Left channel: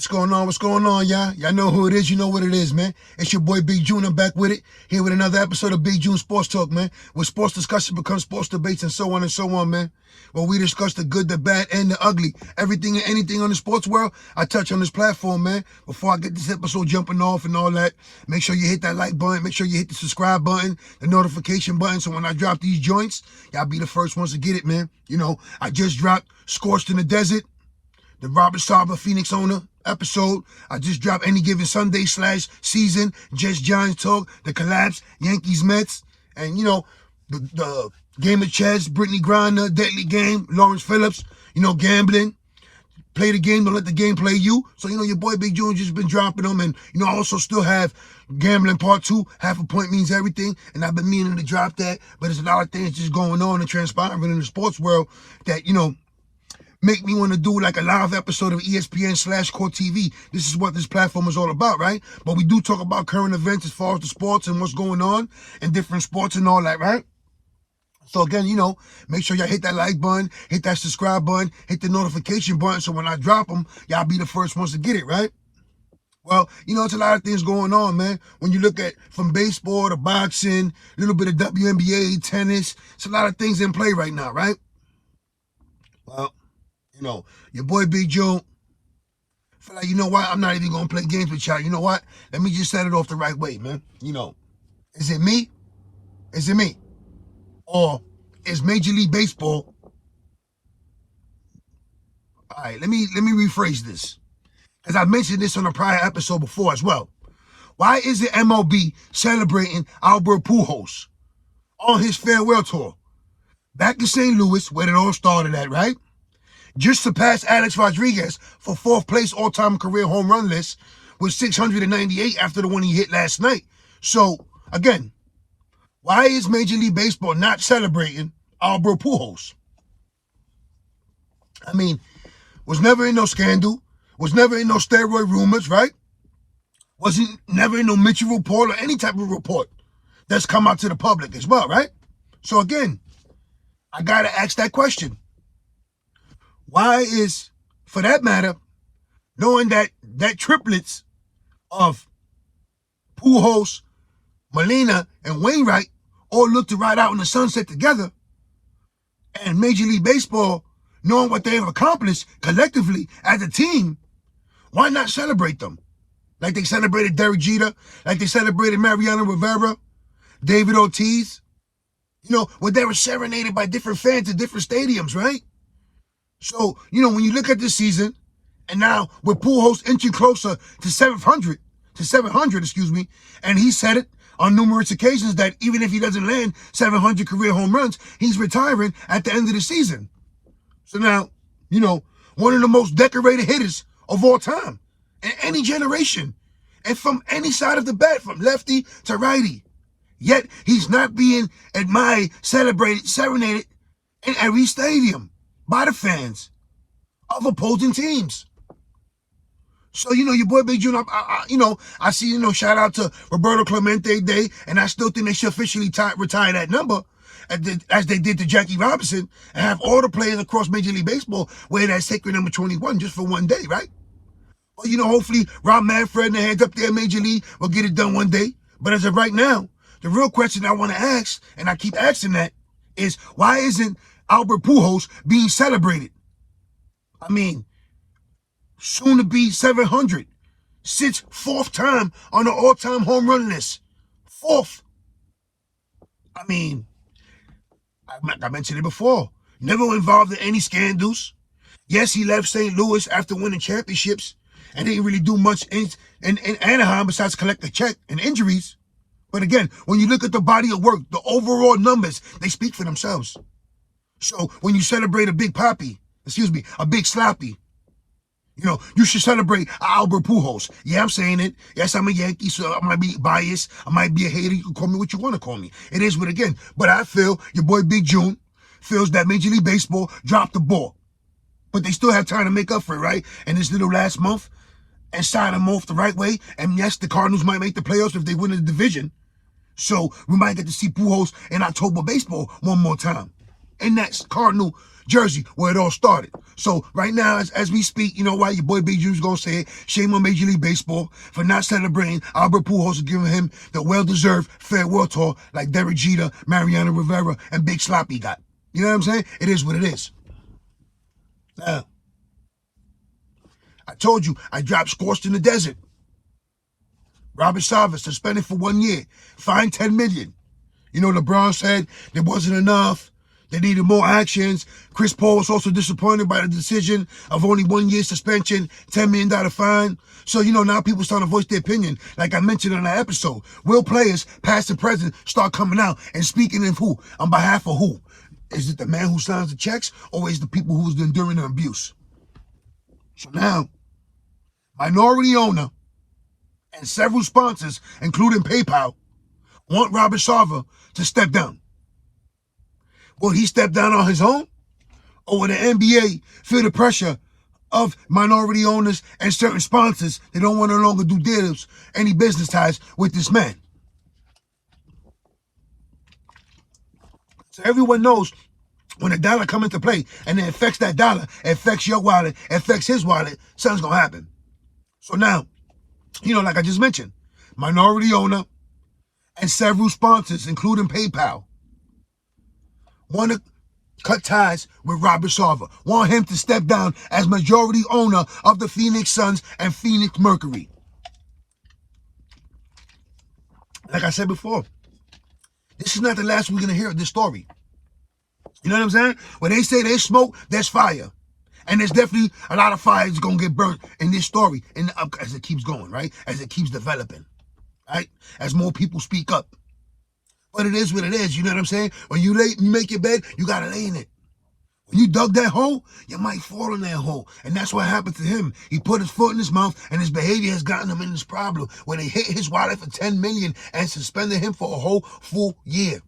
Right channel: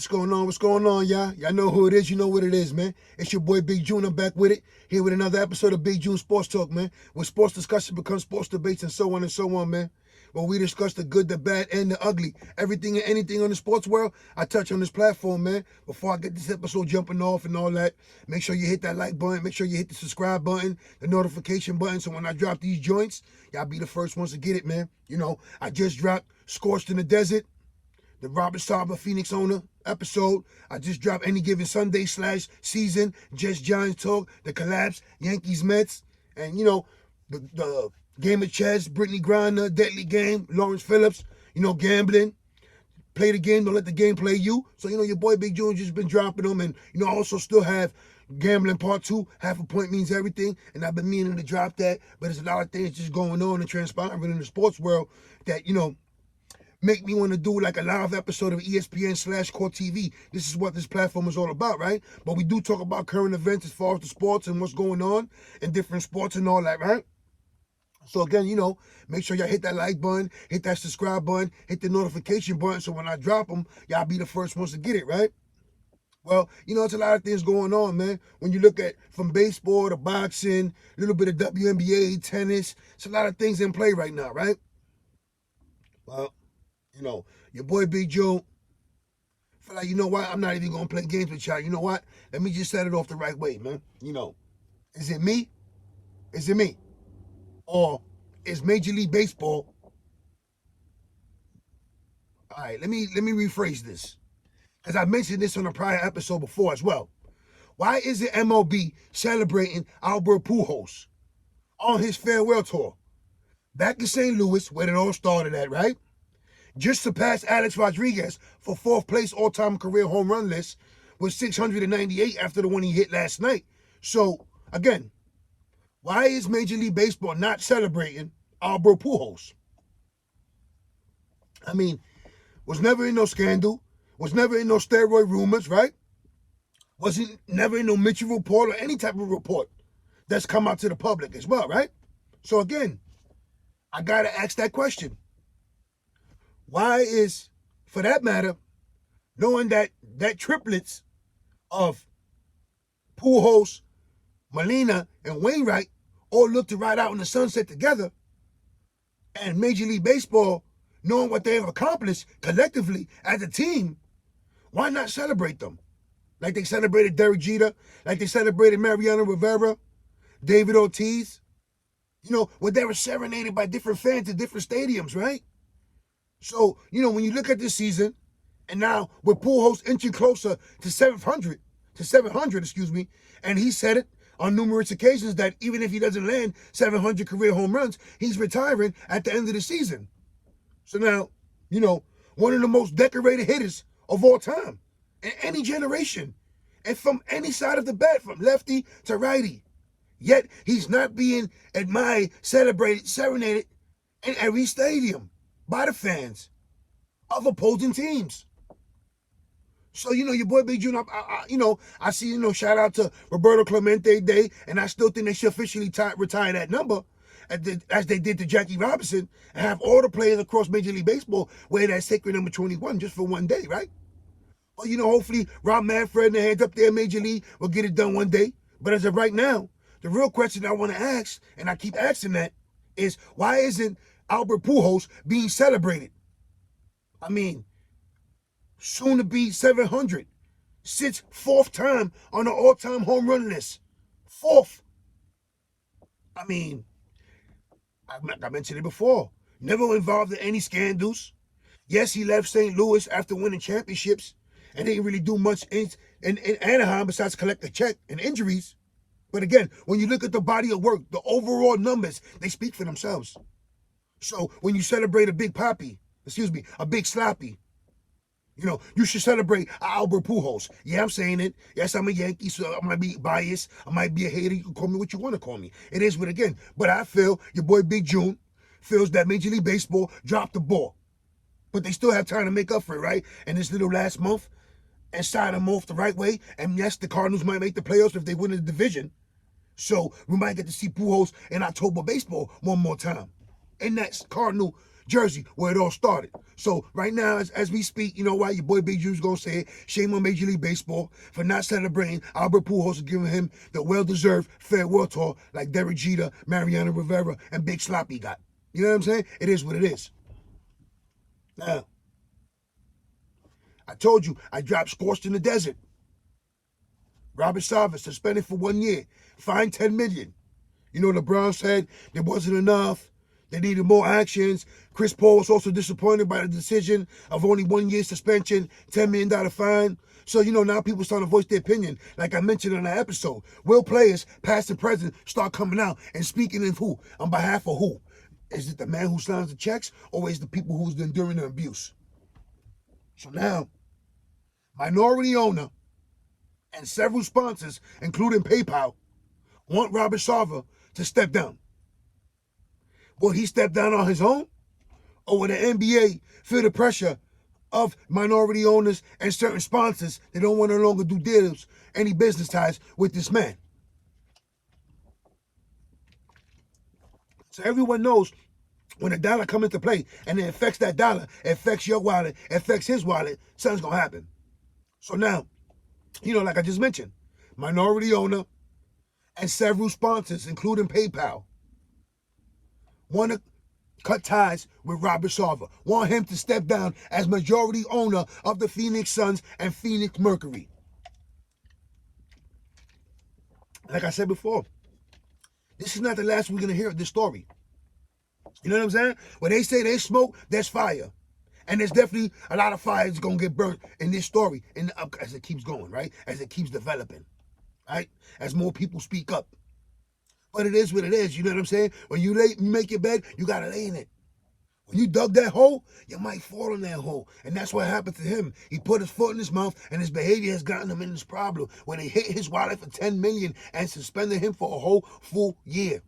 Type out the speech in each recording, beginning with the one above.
What's going on? What's going on, y'all? Y'all know who it is. You know what it is, man. It's your boy Big June. I'm back with it. Here with another episode of Big June Sports Talk, man. Where sports discussion becomes sports debates and so on, man. Where we discuss the good, the bad, and the ugly. Everything and anything on the sports world, I touch on this platform, man. Before I get this episode jumping off and all that, make sure you hit that like button. Make sure you hit the subscribe button, the notification button. So when I drop these joints, y'all be the first ones to get it, man. You know, I just dropped Scorched in the Desert, the Robert Sarver Phoenix owner episode. I just dropped Any Given Sunday / season, Just Giants Talk, the collapse, Yankees Mets, and you know, the game of chess, Brittany Griner, Deadly Game, Lawrence Phillips, you know, gambling. Play the game, don't let the game play you. So, you know, your boy Big June just been dropping them. And, you know, I also still have Gambling Part 2, Half a Point Means Everything. And I've been meaning to drop that. But there's a lot of things just going on and transpiring in the sports world that, you know, make me want to do like a live episode of ESPN / Core TV. This is what this platform is all about, right? But we do talk about current events as far as the sports and what's going on in different sports and all that, right? So again, you know, make sure y'all hit that like button, hit that subscribe button, hit the notification button, so when I drop them, y'all be the first ones to get it, right? Well, you know, it's a lot of things going on, man. When you look at from baseball to boxing, a little bit of WNBA, tennis, it's a lot of things in play right now, right? Well, you know, your boy Big June, feel like, you know what, I'm not even going to play games with y'all. You know what? Let me just set it off the right way, man. You know, is it me? Is it me? Or is Major League Baseball? All right, let me rephrase this, because I mentioned this on a prior episode before as well. Why is it MLB celebrating Albert Pujols on his farewell tour back in St. Louis, where it all started at, right? Just surpassed Alex Rodriguez for 4th place all-time career home run list with 698 after the one he hit last night. So again, why is Major League Baseball not celebrating Albert Pujols? I mean, was never in no scandal, was never in no steroid rumors, right? Wasn't never in no Mitchell report or any type of report that's come out to the public as well, right? So again, I gotta ask that question. Why is, for that matter, knowing that triplets of Pujols, Molina, and Wainwright all look to ride out in the sunset together, and Major League Baseball, knowing what they have accomplished collectively as a team, why not celebrate them? Like they celebrated Derek Jeter, like they celebrated Mariano Rivera, David Ortiz, you know, where they were serenaded by different fans at different stadiums, right? So, you know, when you look at this season, and now with Pujols inching closer to 700, and he said it on numerous occasions that even if he doesn't land 700 career home runs, he's retiring at the end of the season. So now, you know, one of the most decorated hitters of all time in any generation, and from any side of the bat, from lefty to righty. Yet he's not being admired, celebrated, serenaded in every stadium by the fans of opposing teams. So, you know, your boy Big June, you know, I see, you know, shout out to Roberto Clemente Day, and I still think they should officially retire that number, as they did to Jackie Robinson, and have all the players across Major League Baseball wear that sacred number 21 just for one day, right? Well, you know, hopefully Rob Manfred and the heads up there, Major League, will get it done one day. But as of right now, the real question I want to ask, and I keep asking that, is why isn't Albert Pujols being celebrated? I mean, soon to be 700. Sits 4th time on the all-time home run list. 4th. I mean, I mentioned it before. Never involved in any scandals. Yes, he left St. Louis after winning championships and didn't really do much in Anaheim besides collect a check and injuries. But again, when you look at the body of work, the overall numbers, they speak for themselves. So when you celebrate a big poppy, a big sloppy, you know, you should celebrate Albert Pujols. Yeah, I'm saying it. Yes, I'm a Yankee, so I might be biased. I might be a hater. You can call me what you want to call me. It is what again. But I feel your boy Big June feels that Major League Baseball dropped the ball. But they still have time to make up for it, right? In this little last month, and sign them off the right way. And yes, the Cardinals might make the playoffs if they win the division. So we might get to see Pujols in October baseball one more time in that Cardinal Jersey, where it all started. So right now, as we speak, you know why your boy Big Ju's gonna say it. Shame on Major League Baseball for not celebrating Albert Pujols and giving him the well-deserved farewell tour like Derek Jeter, Mariano Rivera, and Big Sloppy got. You know what I'm saying? It is what it is. Now, I told you I dropped Scorched in the Desert. Robert Sarver suspended for 1 year, fined $10 million. You know, LeBron said there wasn't enough. They needed more actions. Chris Paul was also disappointed by the decision of only 1 year suspension, $10 million fine. So, you know, now people starting to voice their opinion. Like I mentioned in the episode, will players, past and present, start coming out and speaking in who? On behalf of who? Is it the man who signs the checks, or is it the people who's enduring the abuse? So now, minority owner and several sponsors, including PayPal, want Robert Sarver to step down. Will he step down on his own? Or will the NBA feel the pressure of minority owners and certain sponsors that don't want to no longer do deals, any business ties with this man? So everyone knows when a dollar come into play and it affects that dollar, it affects your wallet, it affects his wallet, something's going to happen. So now, you know, like I just mentioned, minority owner and several sponsors, including PayPal, want to cut ties with Robert Sarver, want him to step down as majority owner of the Phoenix Suns and Phoenix Mercury. Like I said before, this is not the last we're going to hear of this story. You know what I'm saying? When they say there's smoke, there's fire. And there's definitely a lot of fire that's going to get burnt in this story as it keeps going, right? As it keeps developing, right? As more people speak up. But it is what it is, you know what I'm saying? When you make your bed, you got to lay in it. When you dug that hole, you might fall in that hole. And that's what happened to him. He put his foot in his mouth, and his behavior has gotten him in this problem where they hit his wallet for $10 million and suspended him for a whole full year.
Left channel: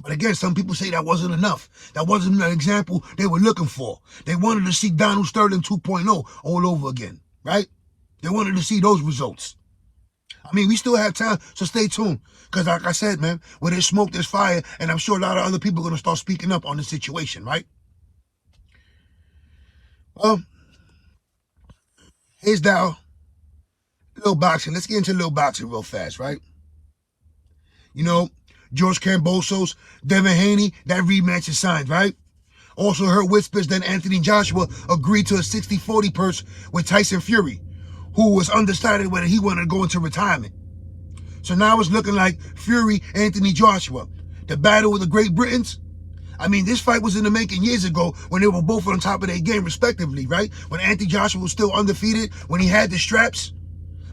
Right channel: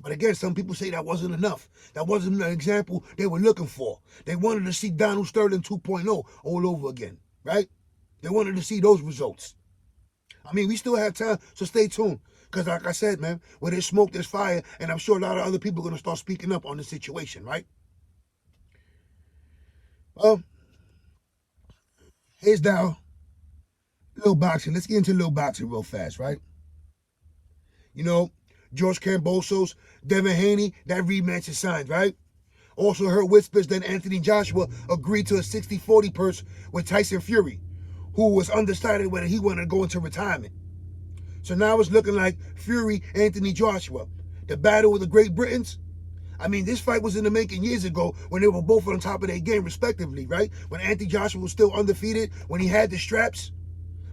But again, some people say that wasn't enough. That wasn't an example they were looking for. They wanted to see Donald Sterling 2.0 all over again, right? They wanted to see those results. I mean, we still have time, so stay tuned. Because like I said, man, where there's smoke, there's fire, and I'm sure a lot of other people are going to start speaking up on the situation, right? Well, here's now little boxing. Let's get into little boxing real fast, right? You know, George Kambosos, Devin Haney, that rematch is signed, right? Also heard whispers that Anthony Joshua agreed to a 60-40 purse with Tyson Fury, who was undecided whether he wanted to go into retirement. So now it's looking like Fury, Anthony Joshua. The battle with the Great Britons. I mean, this fight was in the making years ago when they were both on top of their game, respectively, right? When Anthony Joshua was still undefeated, when he had the straps.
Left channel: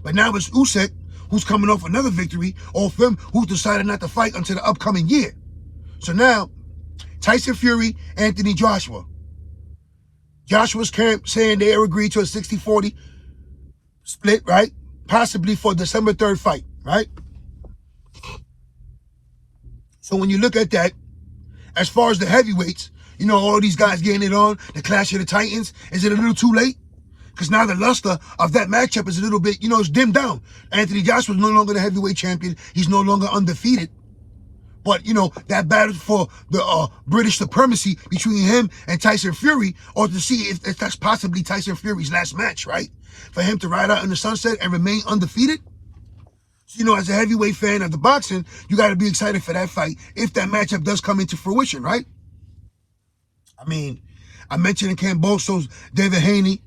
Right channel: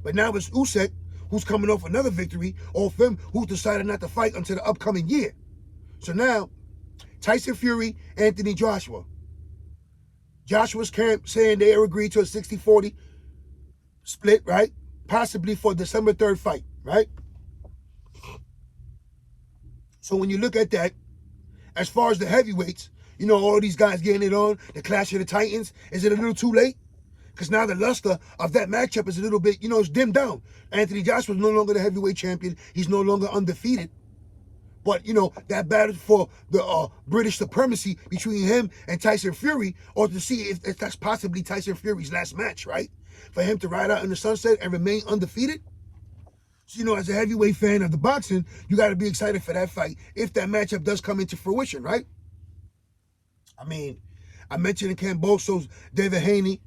But now it's Usyk, who's coming off another victory, off him, who's decided not to fight until the upcoming year. So now, Tyson Fury, Anthony Joshua. Joshua's camp saying they agreed to a 60-40 split, right? Possibly for December 3rd fight, right? So when you look at that, as far as the heavyweights, you know, all these guys getting it on, the Clash of the Titans, is it a little too late? Because now the luster of that matchup is a little bit, you know, it's dimmed down. Anthony Joshua is no longer the heavyweight champion. He's no longer undefeated. But, you know, that battle for the British supremacy between him and Tyson Fury, or to see if that's possibly Tyson Fury's last match, right? For him to ride out in the sunset and remain undefeated. So, you know, as a heavyweight fan of the boxing, you got to be excited for that fight if that matchup does come into fruition, right? I mean, I mentioned in Kambosos, David Haney.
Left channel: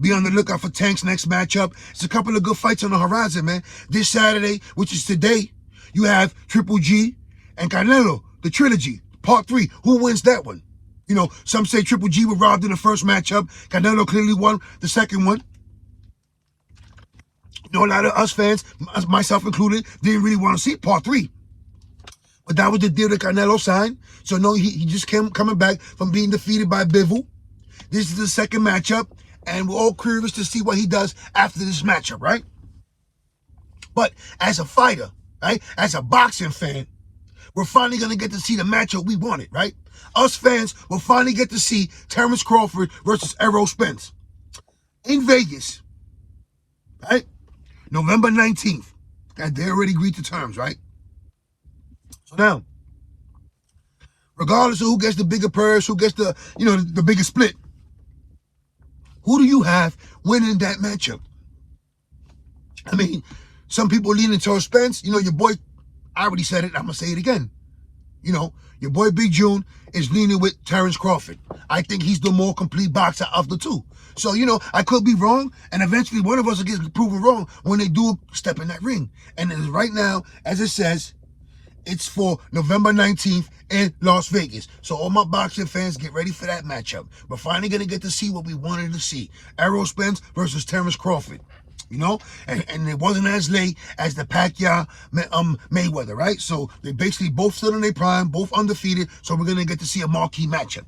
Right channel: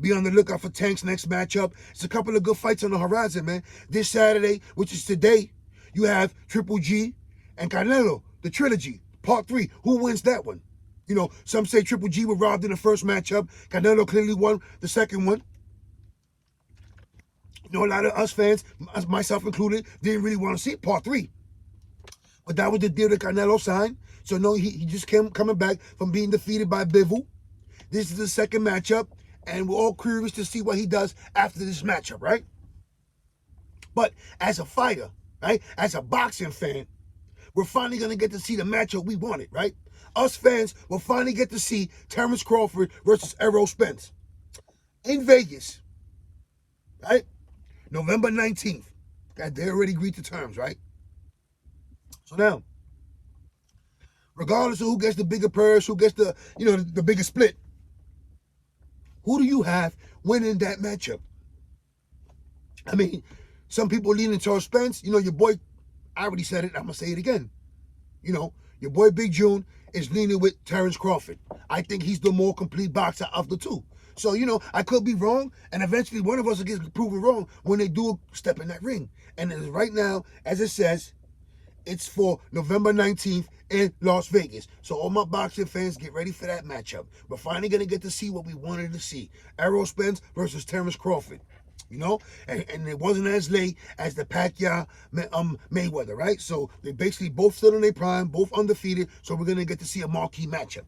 Be on the lookout for Tank's next matchup. It's a couple of good fights on the horizon, man. This Saturday, which is today, you have Triple G and Canelo, the trilogy, part 3. Who wins that one? You know, some say Triple G was robbed in the first matchup. Canelo clearly won the second one. You know, a lot of us fans, myself included, didn't really want to see part 3. But that was the deal that Canelo signed. So, no, he just coming back from being defeated by Bivol. This is the second matchup. And we're all curious to see what he does after this matchup, right? But as a fighter, right, as a boxing fan, we're finally going to get to see the matchup we wanted, right? Us fans will finally get to see Terrence Crawford versus Errol Spence in Vegas, right? November 19th. They already agreed to terms, right? So now, Regardless of who gets the bigger purse, who gets the, the bigger split. Who do you have winning that matchup? I mean, some people leaning towards Spence. Your boy, I already said it, I'm going to say it again. Your boy Big June is leaning with Terrence Crawford. I think he's the more complete boxer of the two. So, I could be wrong, and eventually one of us will get proven wrong when they do step in that ring. And right now, as it says, it's for November 19th in Las Vegas. So all my boxing fans, get ready for that matchup. We're finally going to get to see what we wanted to see. Errol Spence versus Terrence Crawford. And it wasn't as late as the Pacquiao Mayweather, right? So they basically both still in their prime, both undefeated. So we're going to get to see a marquee matchup.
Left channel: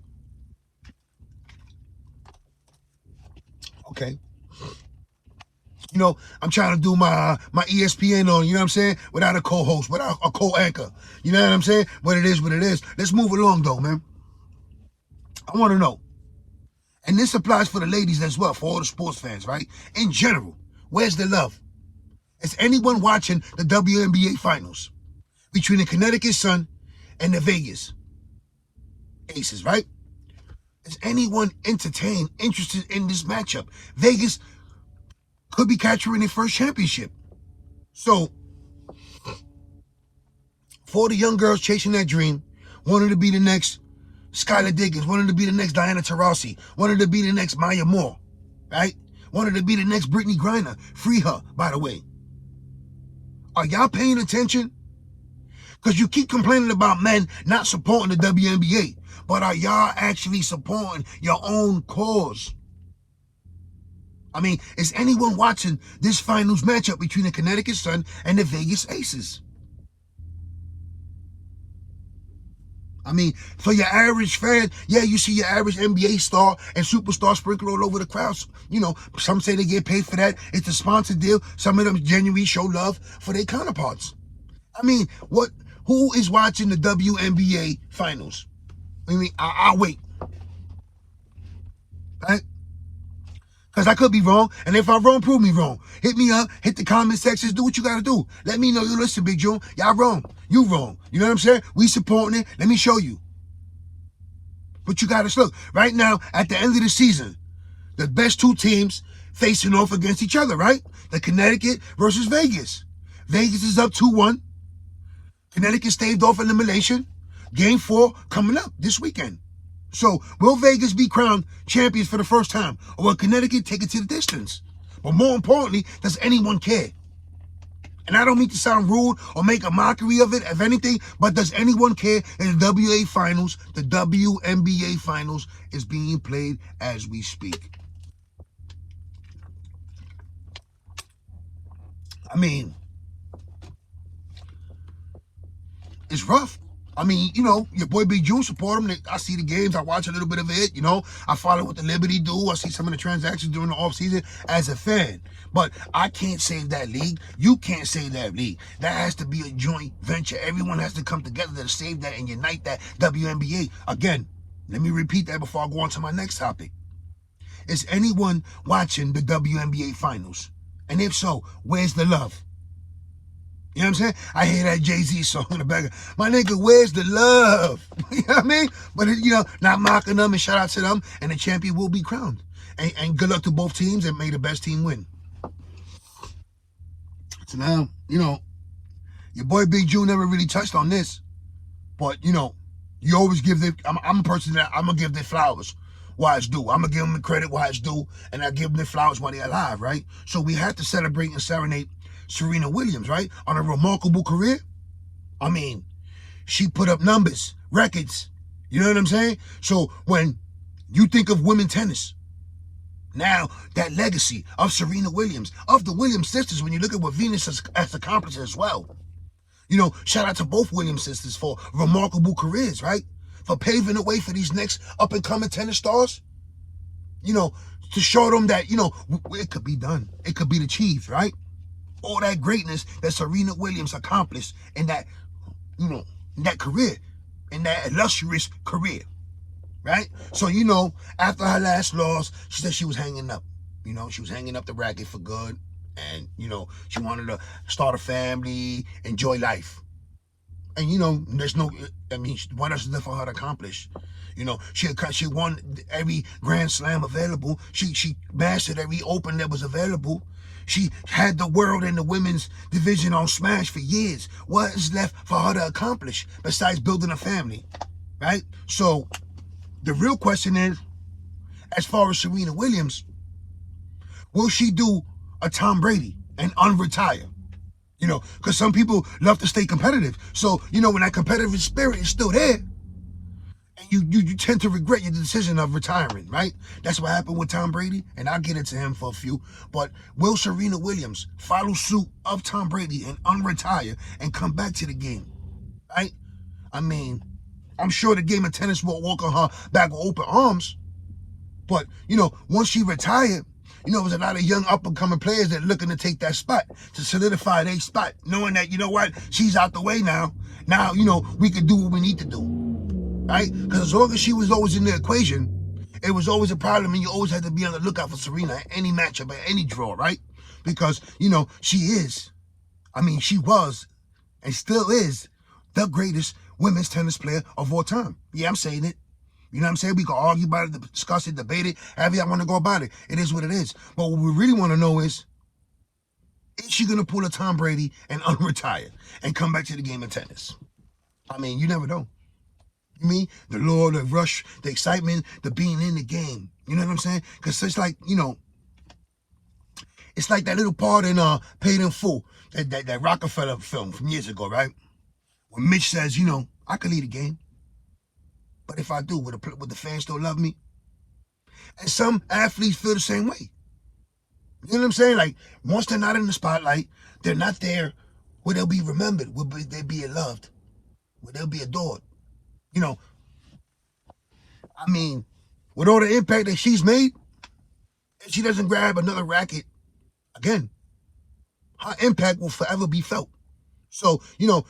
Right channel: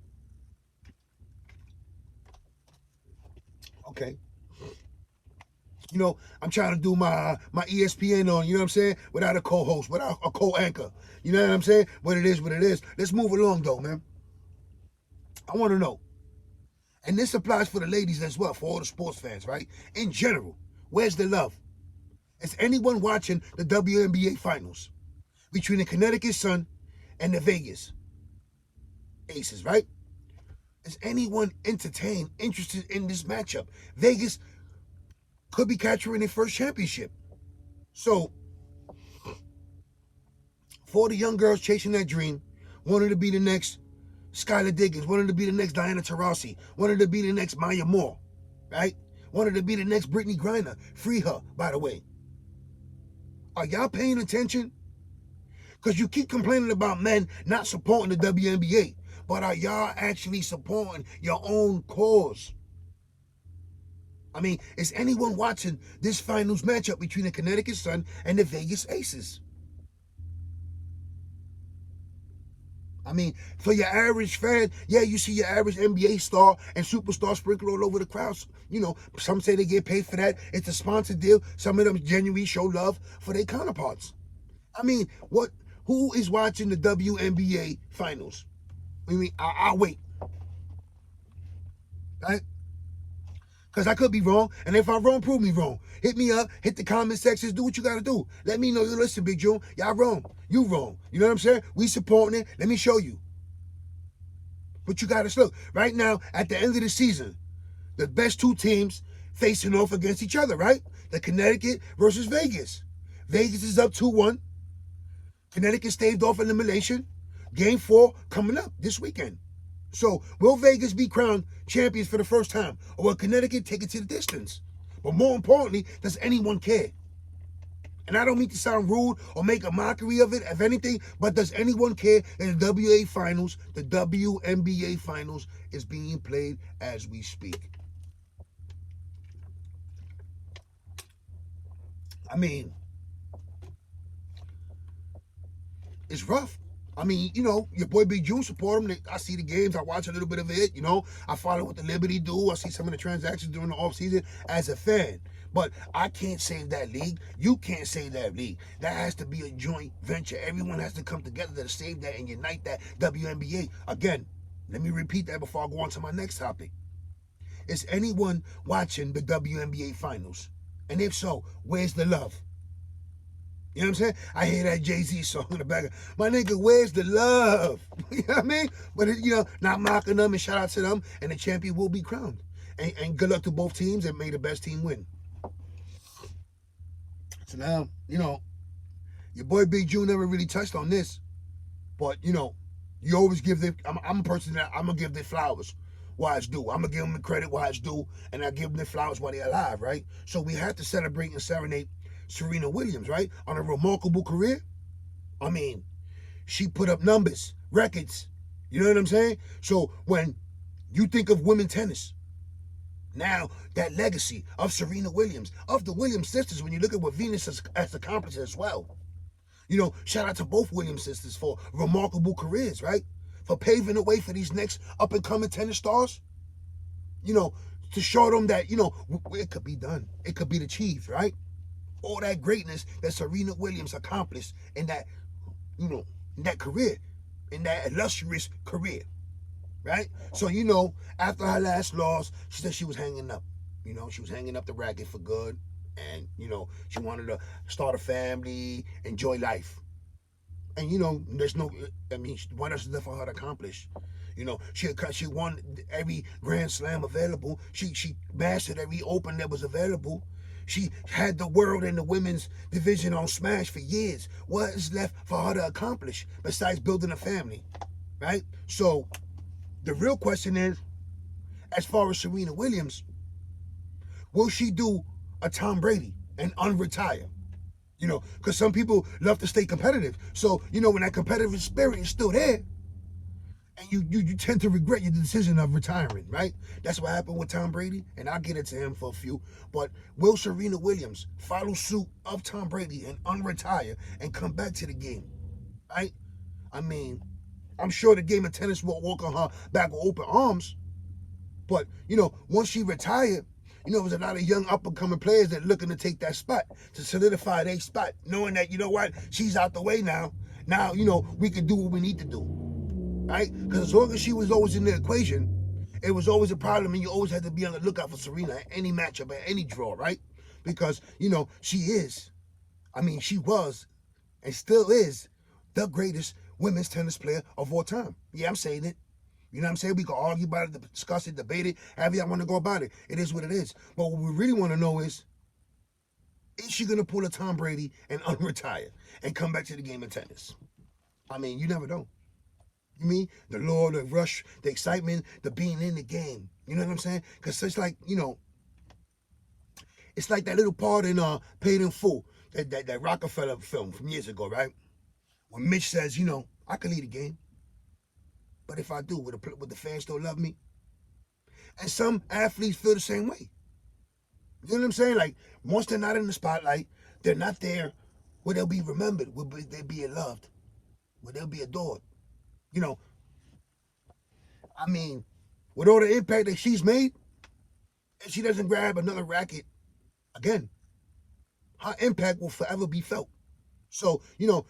Okay. I'm trying to do my ESPN on, you know what I'm saying? Without a co-host, without a co-anchor. You know what I'm saying? But it is what it is. Let's move along, though, man. I want to know. And this applies for the ladies as well, for all the sports fans, right? In general, where's the love? Is anyone watching the WNBA finals between the Connecticut Sun and the Vegas Aces, right? Is anyone entertained, interested in this matchup? Vegas could be capturing their first championship. So, for the young girls chasing that dream, wanting to be the next Skylar Diggins, wanted to be the next Diana Taurasi, wanted to be the next Maya Moore, right? Wanted to be the next Brittany Griner. Free her, by the way. Are y'all paying attention? Because you keep complaining about men not supporting the WNBA, but are y'all actually supporting your own cause? I mean, is anyone watching this finals matchup between the Connecticut Sun and the Vegas Aces? I mean, for your average fan, yeah, you see your average NBA star and superstar sprinkled all over the crowds. Some say they get paid for that. It's a sponsored deal. Some of them genuinely show love for their counterparts. I mean, who is watching the WNBA finals? I mean, I'll wait. Right? Because I could be wrong, and if I'm wrong, prove me wrong. Hit me up, hit the comment sections, do what you got to do. Let me know, listen, Big June, y'all wrong. You wrong. You know what I'm saying? We supporting it. Let me show you. But you got to look. Right now, at the end of the season, the best two teams facing off against each other, right? The Connecticut versus Vegas. Vegas is up 2-1. Connecticut staved off elimination. Game 4 coming up this weekend. So, will Vegas be crowned champions for the first time? Or will Connecticut take it to the distance? But more importantly, does anyone care? And I don't mean to sound rude or make a mockery of it, if anything, but does anyone care in the WNBA finals? The WNBA finals is being played as we speak. I mean, it's rough. I mean, your boy Big June support him. I see the games. I watch a little bit of it. I follow what the Liberty do. I see some of the transactions during the offseason as a fan. But I can't save that league. You can't save that league. That has to be a joint venture. Everyone has to come together to save that and unite that WNBA. Again, let me repeat that before I go on to my next topic. Is anyone watching the WNBA finals? And if so, where's the love? You know what I'm saying? I hear that Jay-Z song in the background. My nigga, where's the love? You know what I mean? But, not mocking them, and shout out to them. And the champion will be crowned. And good luck to both teams, and may the best team win. So now, your boy Big June never really touched on this. But, you always give them, I'm a person that I'm going to give their flowers while it's due. I'm going to give them the credit while it's due. And I give them their flowers while they're alive, right? So we have to celebrate and serenade Serena Williams, right? On a remarkable career. I mean, she put up numbers, records. You know what I'm saying? So when you think of women's tennis, now that legacy of Serena Williams, of the Williams sisters, when you look at what Venus has accomplished as well. Shout out to both Williams sisters for remarkable careers, right? For paving the way for these next up-and-coming tennis stars. To show them that, it could be done. It could be achieved, right? All that greatness that Serena Williams accomplished in that, in that career, in that illustrious career, right? So, after her last loss, she said she was hanging up. She was hanging up the racket for good. And, she wanted to start a family, enjoy life. And, you know, there's no, I mean, what else is there for her to accomplish? You know, she won every Grand Slam available. She mastered every Open that was available. She had the world and the women's division on Smash for years. What is left for her to accomplish besides building a family, right? So the real question is, as far as Serena Williams, will she do a Tom Brady and unretire? You know, because some people love to stay competitive. So, you know, when that competitive spirit is still there, and you tend to regret your decision of retiring, right? That's what happened with Tom Brady, and I'll get into him for a few. But will Serena Williams follow suit of Tom Brady and unretire and come back to the game, right? I mean, I'm sure the game of tennis will welcome her back with open arms. But, you know, once she retired, you know, there's a lot of young up-and-coming players that are looking to take that spot, to solidify their spot, knowing that, you know what, she's out the way now. Now, you know, we can do what we need to do, right? Because as long as she was always in the equation, it was always a problem, and you always had to be on the lookout for Serena at any matchup, at any draw, right? Because, you know, she was, and still is, the greatest women's tennis player of all time. Yeah, I'm saying it. You know what I'm saying? We can argue about it, discuss it, debate it, however y'all want to go about it. It is what it is. But what we really want to know is she going to pull a Tom Brady and unretire and come back to the game of tennis? I mean, you never know. You mean the lure, the rush, the excitement, the being in the game. You know what I'm saying? Because it's like, you know, it's like that little part in Paid in Full, that Rockefeller film from years ago, right? When Mitch says, you know, I can lead a game. But if I do, would the fans still love me? And some athletes feel the same way. You know what I'm saying? Like, once they're not in the spotlight, they're not there where they'll be remembered, where they'll be loved, where they'll be adored. You know, I mean, with all the impact that she's made, if she doesn't grab another racket, again, her impact will forever be felt. So, you know,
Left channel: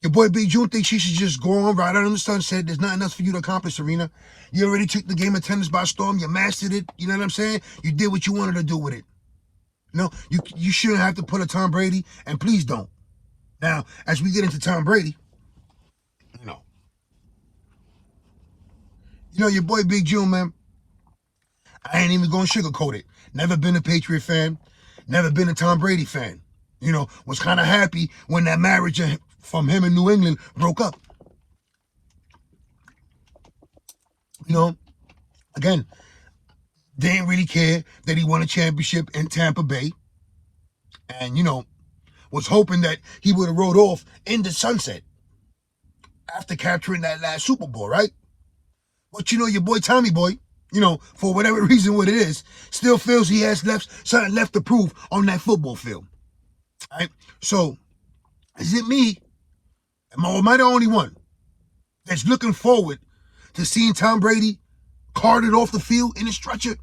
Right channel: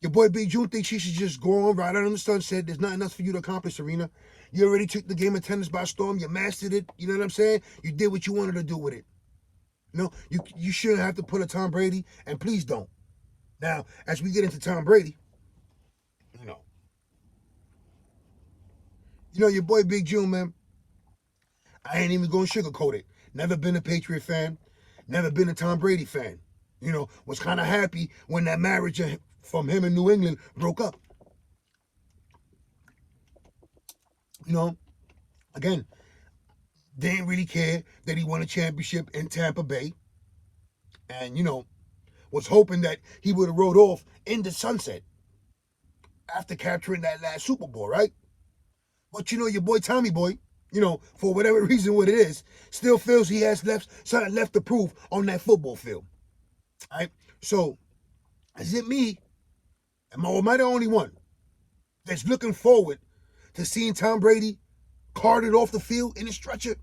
your boy Big June thinks she should just go on right out in the sunset. There's nothing else for you to accomplish, Serena. You already took the game of tennis by storm. You mastered it. You know what I'm saying? You did what you wanted to do with it. You know, you shouldn't have to put a Tom Brady, and please don't. Now, as we get into Tom Brady, you know, your boy Big June, man, I ain't even going to sugarcoat it. Never been a Patriot fan. Never been a Tom Brady fan. You know, was kind of happy when that marriage from him in New England broke up. You know, again, didn't really care that he won a championship in Tampa Bay. And, you know, was hoping that he would have rode off in the sunset after capturing that last Super Bowl, right? But, you know, your boy Tommy Boy, you know, for whatever reason what it is, still feels he has something left to prove on that football field. Right? So, is it me? Am I the only one that's looking forward to seeing Tom Brady carted off the field in a stretcher?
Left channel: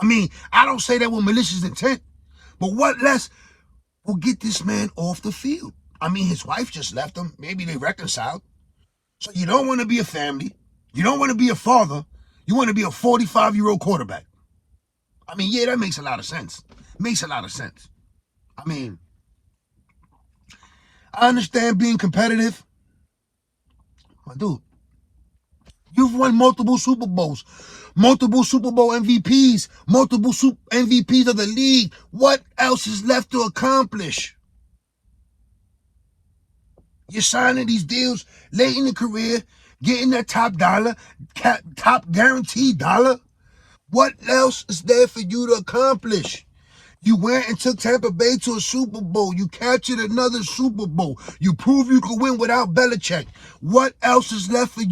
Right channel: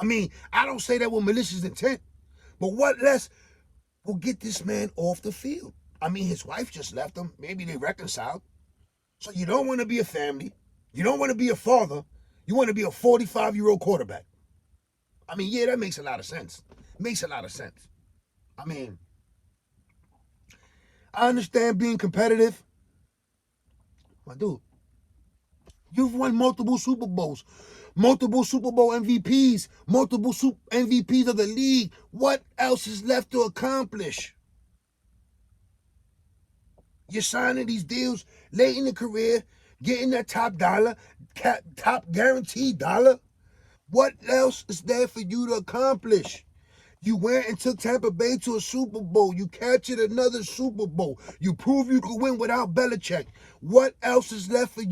I mean, I don't say that with malicious intent, but what less will get this man off the field? I mean, his wife just left him. Maybe they reconciled. So you don't want to be a family. You don't want to be a father. You want to be a 45-year-old quarterback. I mean, yeah, that makes a lot of sense. Makes a lot of sense. I mean, I understand being competitive. But dude, you've won multiple Super Bowls, multiple Super Bowl MVPs, multiple MVPs of the league. What else is left to accomplish? You're signing these deals late in the career, getting that top dollar, top guaranteed dollar. What else is there for you to accomplish? You went and took Tampa Bay to a Super Bowl. You captured another Super Bowl. You proved you could win without Belichick. What else is left for you